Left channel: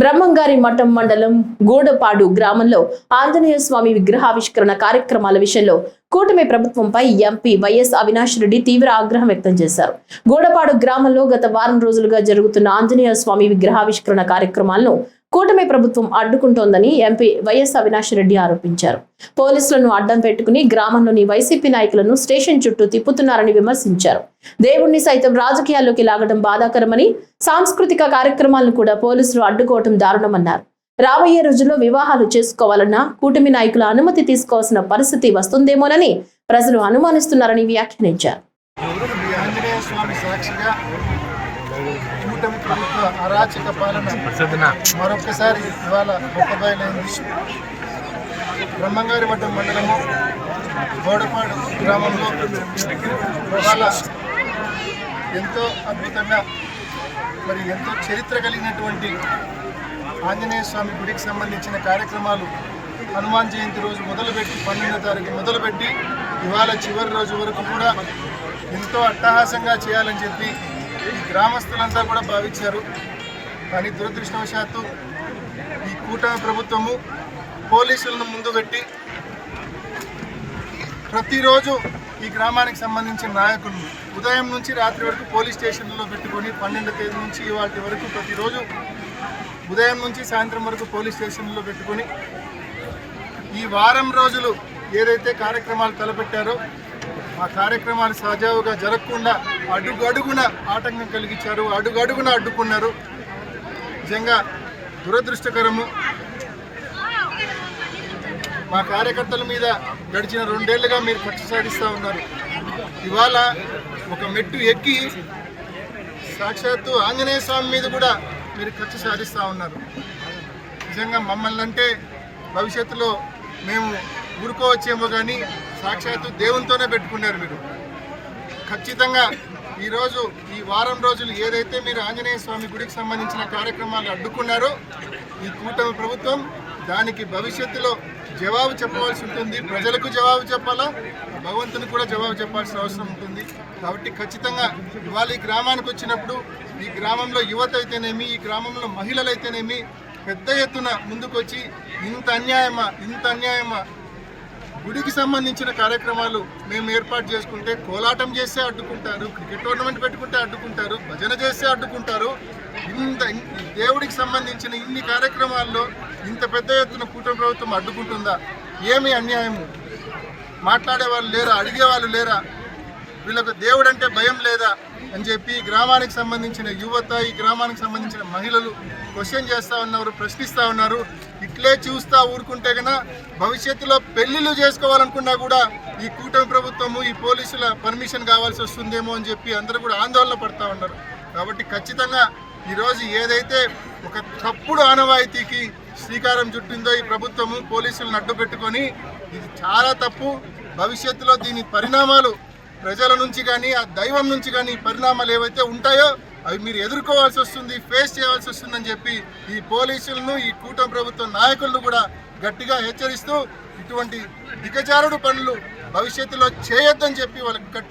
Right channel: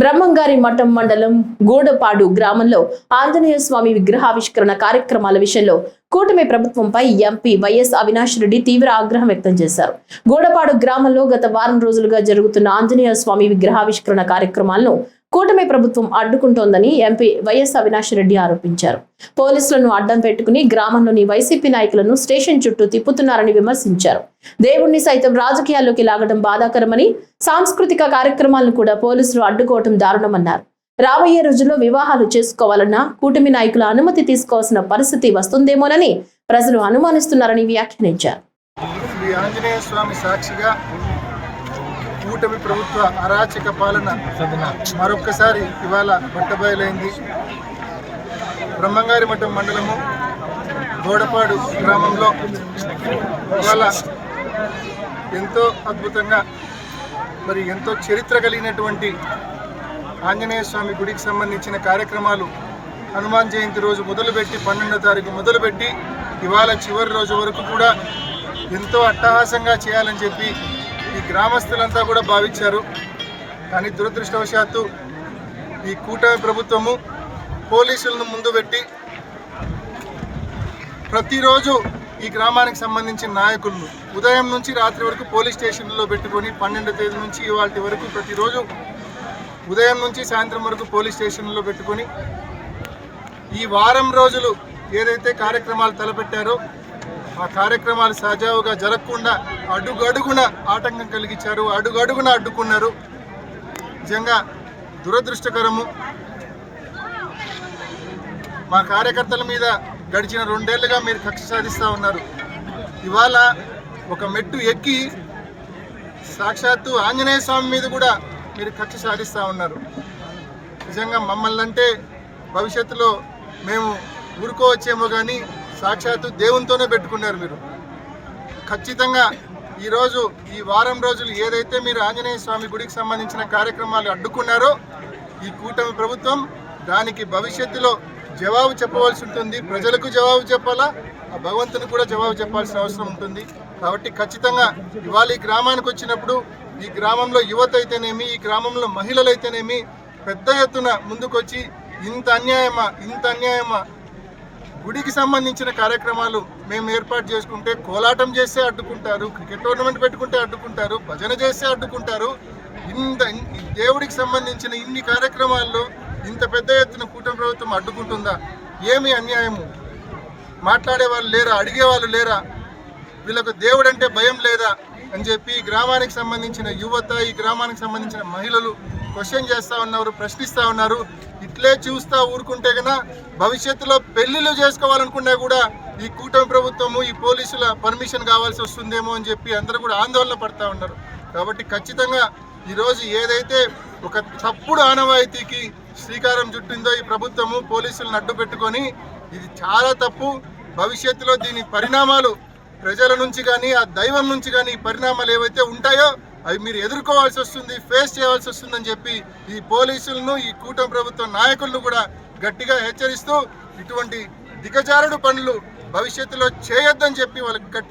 బ్రహ్మంగారి మఠం మండలం గూడపాడు గ్రామంలో ఆంజనేయ స్వామి విగ్రహావిష్కరణ కార్యక్రమాల విషయంలో కూటమి ప్రభుత్వంపై ఎంపీ వైఎస్ అవినాష్ రెడ్డి తీవ్ర ఆగ్రహం వ్యక్తం చేశారు. గూడపాడు గ్రామంలో గత వారం రోజులుగా జరుగుతున్న ఆంజనేయ స్వామి విగ్రహావిష్కరణ కార్యక్రమాలను కూటమి ప్రభుత్వం అడ్డుకుంటోందని ఎంపీ వైఎస్ అవినాష్ రెడ్డి ఆరోపించారు. పోలీసులను అడ్డం పెట్టుకుని గ్రామంలోని వైసీపీ నాయకులను స్టేషన్ చుట్టూ తిప్పుతున్నారని విమర్శించారు. దేవుణ్ణి సైతం రాజకీయాల్లోకి లాగడం బాధాకరమని, సాంస్కృతిక కార్యక్రమాలను కూడా పోలీసులు అడ్డుకోవడం దారుణమన్నారు. రాబోయే రోజుల్లో వివాహాలు చేసుకోవాలన్నా కూటమి నాయకుల అనుమతి తీసుకోవాల్సిన పరిస్థితి వస్తుందేమోనని ప్రజలు అనుమానిస్తున్నారని వ్యాఖ్యానించారు. కూటమి ప్రభుత్వ అరాచక పాలన మరొక్కసారి ఇవాళ బట్టబయలైంది. బ్రహ్మంగారి మఠం మండలము గోడపాడు గ్రామంలో ఇవాళ ఎంతో అద్భుతంగా ఎంతో చరిత్ర కలిగినటువంటి ఆంజనేయ స్వామి గుడికి సంబంధించిన కార్యక్రమాలు హనుమాన్ జయంతి రోజు మొదలుపెట్టి 12వ తారీఖు మొదలుపెట్టి ఇవాళ చివరి రోజు వరకు కూడా ఎంతో అట్టహాసంగా చేయాలని చెప్పి ఈ గ్రామస్తులంతా కూడా భావించారు. కానీ దురదృష్టవశాత్తు ఈ కూటమి ప్రభుత్వము పోలీసులను ముందు పెట్టి ప్రతిరోజు ఈ గ్రామానికి సంబంధించిన నాయకులను ఉదయం నుంచి రాత్రి వరకు పోలీస్ స్టేషన్లో పెట్టుకొని 12వ తేదీ నుంచి ఇవాళ వరకు ప్రతిరోజు ఉదయం నుంచి సాయంత్రం వరకు పోలీస్ స్టేషన్లో పెట్టుకొని ఈ వారం రోజులు ఏదైతే కార్యక్రమాలు తలపెట్టారో ఆ కార్యక్రమాలు సజావుగా జరగకుండా అడుగడుగున ఆటంకం కలిగించారు, అడుగడుగున అడ్డుకున్నారు. నిజంగా దురదృష్టకరము. మా కార్యకర్తల మీద గడిచిన 2 ఏళ్లుగా మీరు కక్ష సాధిస్తూ ఉన్నారు. ఇవాళ ఒక మెట్టు ఎక్కి సాక్షాత్తు ఆంజనేయ స్వామి మీద కూడా మీరు కక్ష సాధిస్తూ ఉన్నారు. నిజంగా మమ్మల్ని అంటే భవిష్యత్తులో మేము ఊరుకోవచ్చేమో కానీ సాక్షాత్తు దేవునితోనే పెట్టుకున్నారు మీరు. ఖచ్చితంగా ఈరోజు ఈ వారం రోజులు ఏదైతే మీరు ఆంజనేయ స్వామి గుడికి సంబంధించిన కార్యక్రమాలు అడ్డుకున్నారో ఈ కూటమి ప్రభుత్వం దానికి భవిష్యత్తులో జవాబు చెప్పవలసి ఉంటుంది. ప్రజలకు జవాబు చెప్పాలా, భగవంతుని కూడా జవాబు చెప్పాల్సిన అవసరం ఉంటుంది. కాబట్టి ఖచ్చితంగా ఇవాళ ఈ గ్రామానికి వచ్చినప్పుడు ఈ గ్రామంలో యువత అయితేనేమి, ఈ గ్రామంలో మహిళలు అయితేనేమి పెద్ద ఎత్తున ముందుకొచ్చి ఇంత అన్యాయమా గుడికి సంబంధించిన కార్యక్రమాలు మేము ఏర్పాటు చేసుకుంటే కోలాటం చేస్తే అడ్డుకుంటారు, క్రికెట్ టోర్నమెంట్ పెట్టుకుంటే అడ్డుకుంటారు, భజన చేస్తే అడ్డుకుంటారు. దేవుడికి సంబంధించిన ఇన్ని కార్యక్రమాల్లో ఇంత పెద్ద ఎత్తున కూటమి ప్రభుత్వం అడ్డుకుంటుందా? ఏమి అన్యాయము? మాట్లాడే వాళ్ళు లేరా? అడిగే వాళ్ళు లేరా? వీళ్ళకు దేవుడు అంటే భయం లేదా అని చెప్పి ఈ గ్రామానికి సంబంధించిన యువత, ఈ గ్రామానికి సంబంధించిన మహిళలు క్వశ్చన్ చేస్తూ ఉన్నారు, ప్రశ్నిస్తూ ఉన్నారు. ఇట్లే చూస్తూ ఊరుకుంటే కన్నా భవిష్యత్తులో పెళ్లిళ్ళు చేసుకోవాలనుకున్నా కూడా ఈ కూటమి ప్రభుత్వము, ఈ పోలీసుల పర్మిషన్ కావాల్సి వస్తుందేమో అని చెప్పి అందరూ కూడా ఆందోళన పడుతూ ఉన్నారు. కాబట్టి ఖచ్చితంగా ఈరోజు ఏదైతే ఒక తప్పుడు ఆనవాయితీకి శ్రీకారం చుట్టిందో ఈ ప్రభుత్వము, పోలీసులను అడ్డు పెట్టుకొని, ఇది చాలా తప్పు. భవిష్యత్తులో దీని పరిణామాలు ప్రజల నుంచి కానీ ఆ దైవం నుంచి కానీ ఈ పరిణామాలు ఏవైతే ఉంటాయో అవి మీరు ఎదుర్కోవాల్సి వస్తుంది, ఫేస్ చేయవలసి వస్తుందని చెప్పి ఈ పోలీసులను, ఈ కూటమి ప్రభుత్వం నాయకులను కూడా గట్టిగా హెచ్చరిస్తూ ఇటువంటి దిగజారుడు పనులు భవిష్యత్తులో చేయొద్దని చెప్పి వాళ్ళకి గట్టిగా